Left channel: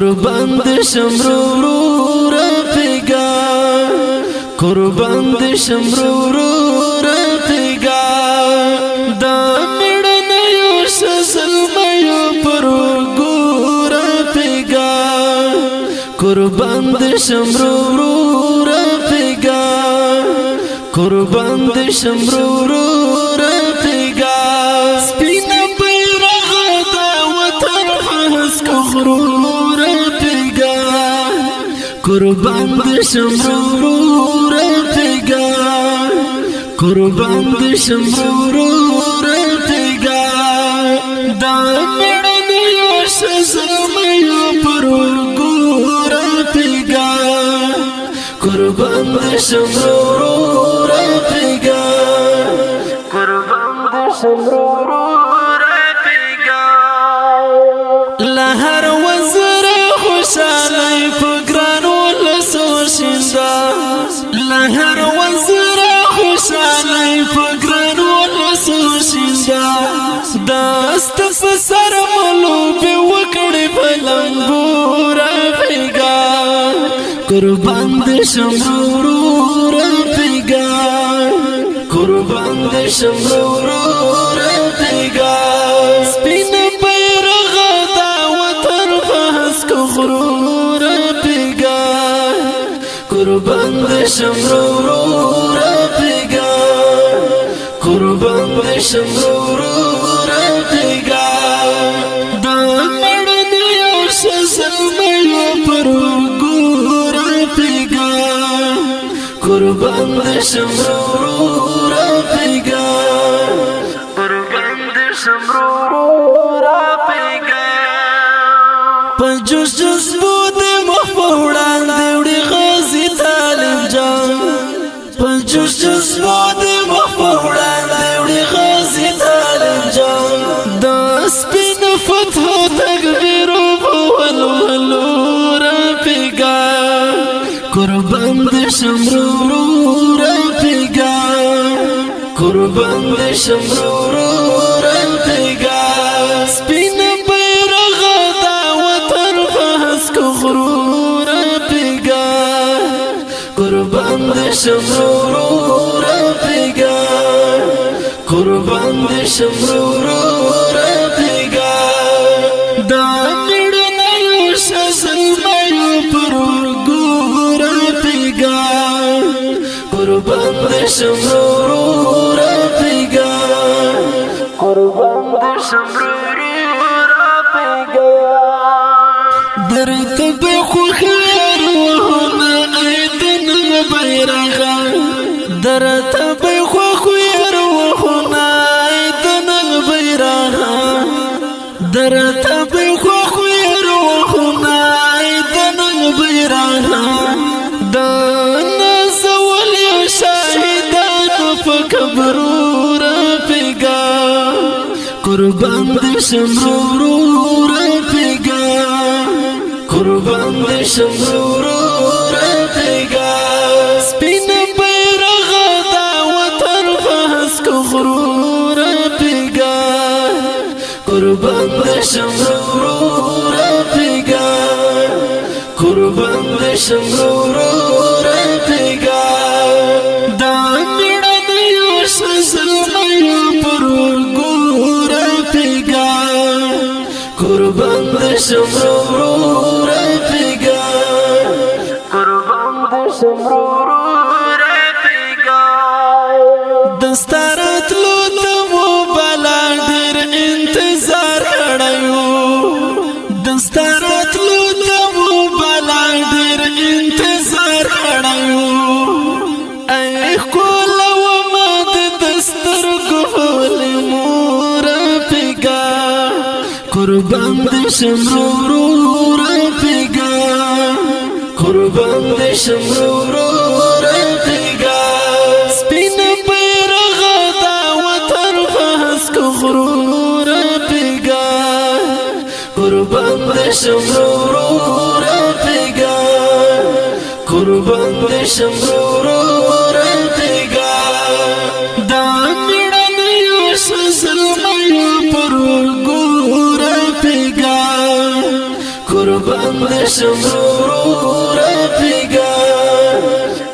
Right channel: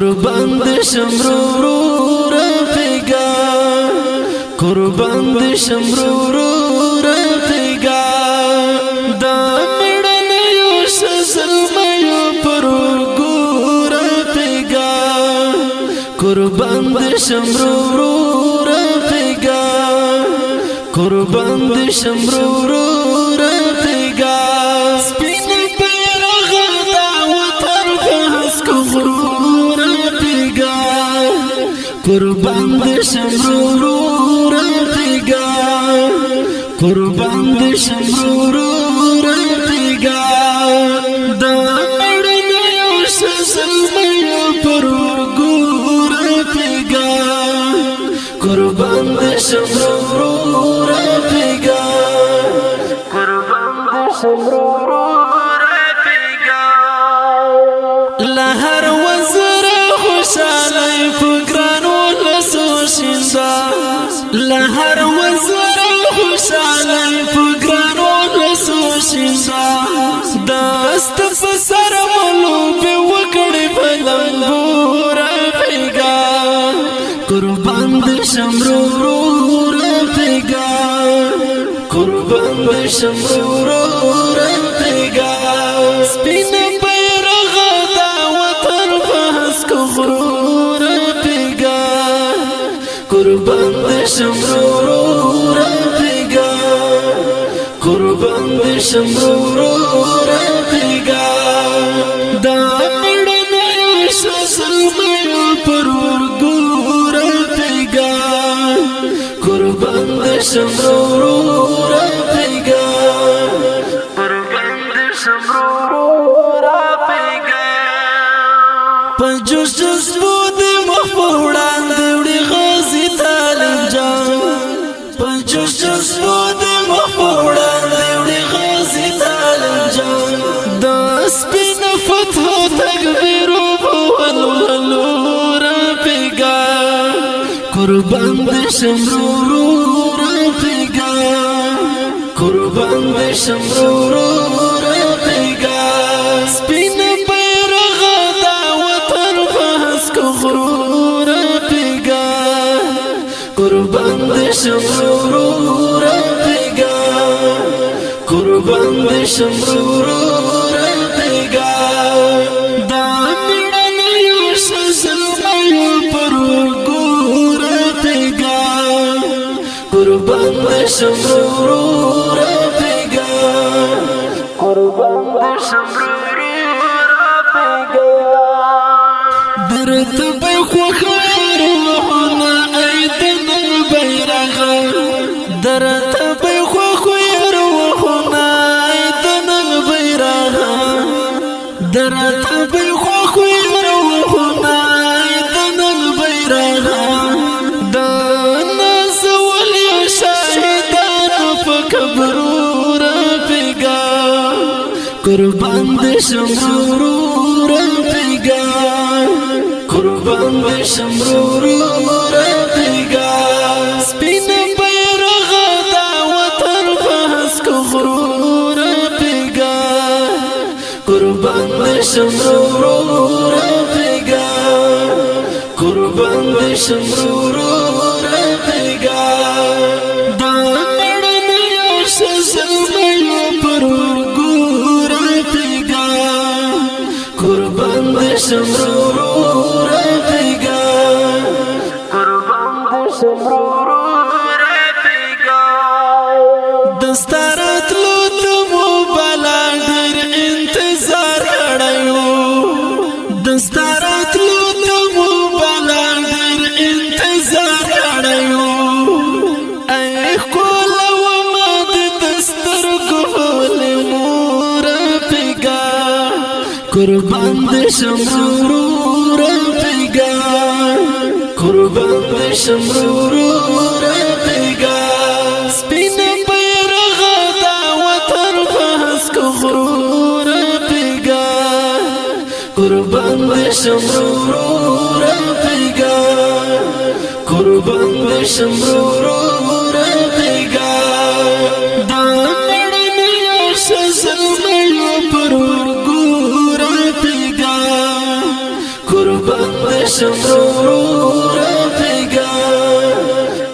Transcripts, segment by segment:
قربان د شمرو رفیقا قربان د شمرو رفیقا دا میړن یو سزلمیو پرګو رفیقا قربان د شمرو رفیقا قربان د شمرو رفیقا سپین بیرغ دا وطن فهس کو غرور رفیقا قربان د شمرو رفیقا قربان د شمرو رفیقا دا مړن یو سزلمیو پرګو رفیقا قربان د شمرو رفیقا قربان د شمرو رفیقا لهر وزر خوشالی فگرانو لسو شندا لهر وزر خوشالی فگرانو لسو شندا داست پسر ملوب وکڑی پلنبو رفیقا قربان د شمرو رفیقا قربان د شمرو رفیقا سپین بیرغ دا وطن فهس کو غرور رفیقا قربان د شمرو رفیقا قربان د شمرو رفیقا دا مړن یو سزلمیو پرګو رفیقا قربان د شمرو رفیقا قربان د شمرو رفیقا پجوش جذبو د مخفوړان دیوړي غازی طالب جان پجوش جذبو د مخفوړان دیوړي غازی طالب جان د سپین فتح تکبیر ولولو رفیقا قربان د شمرو رفیقا قربان د شمرو رفیقا سپین بیرغ دا وطن فهس کو غرور رفیقا قربان د شمرو رفیقا قربان د شمرو رفیقا دا میړن یو سزلمیو پرګو رفیقا قربان د شمرو رفیقا قربان د شمرو رفیقا درته به خو خیر وهونه ایدن بیرغا درته به خو خیر وهونه ایدن بیرغا درته به خو خیر وهونه ایدن بیرغا فکبرو رفیقا قربان د شمرو رفیقا قربان د شمرو رفیقا سپین بیرغ دا وطن فهس کو غرور رفیقا قربان د شمرو رفیقا قربان د شمرو رفیقا سزلمیو پرګو رفیقا قربان د شمرو رفیقا قربان د شمرو رفیقا دستارت لو تمو بلا ډیر انتظار کړایو دستارت لو تمو بلا ډیر انتظار کړایو ای کول قربان د شمرو رفیقا قربان د شمرو رفیقا سپین بیرغ دا وطن فهس کو غرور رفیقا قربان د شمرو رفیقا قربان د شمرو رفیقا دا میړن یو سزلمیو پرګو رفیقا قربان د شمرو رفیقا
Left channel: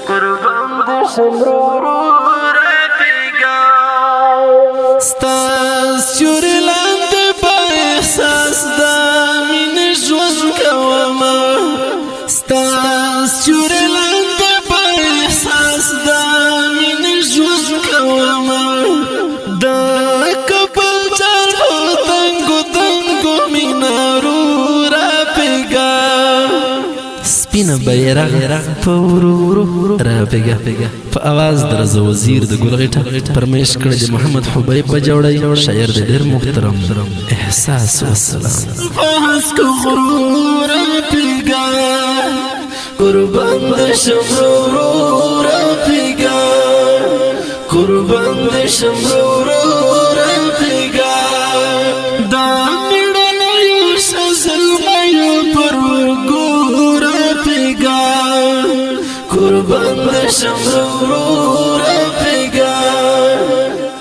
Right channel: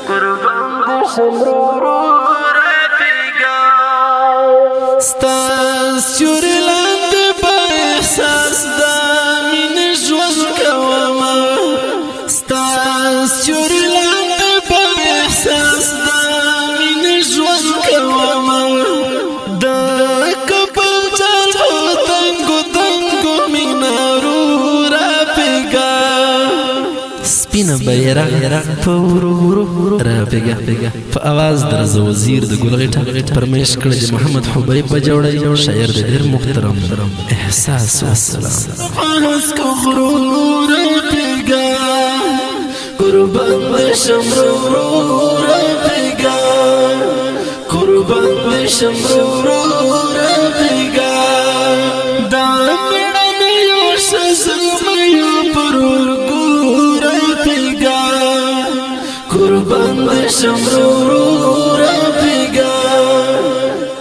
قربان دي شمرو رفیقا ستا سیوری لاندې با احساس دا مین ژوند کوما ستا سیوری لاندې با احساس دا مین ژوند کوما دا کبل چال تنگو تنگو مینارو رفیقا سپینه بیرغ په ورو ورو رافیګه په اواز درز وزیر د ګلغټه پرمیش کړه د محمد حبیب بجوړی شاعر د ډیر محترم احساس والسلام فاس کو غرور رافیګه قربان دي شمرو رافیګه قربان دي شمرو رافیګه دا میړنی یو سزلمایو پرګو قربان دي شمرو رفیقا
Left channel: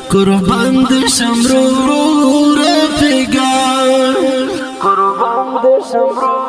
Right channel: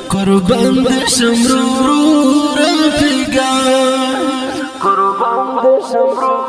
قربان دي شمرو رفیقا قربان دي شمرو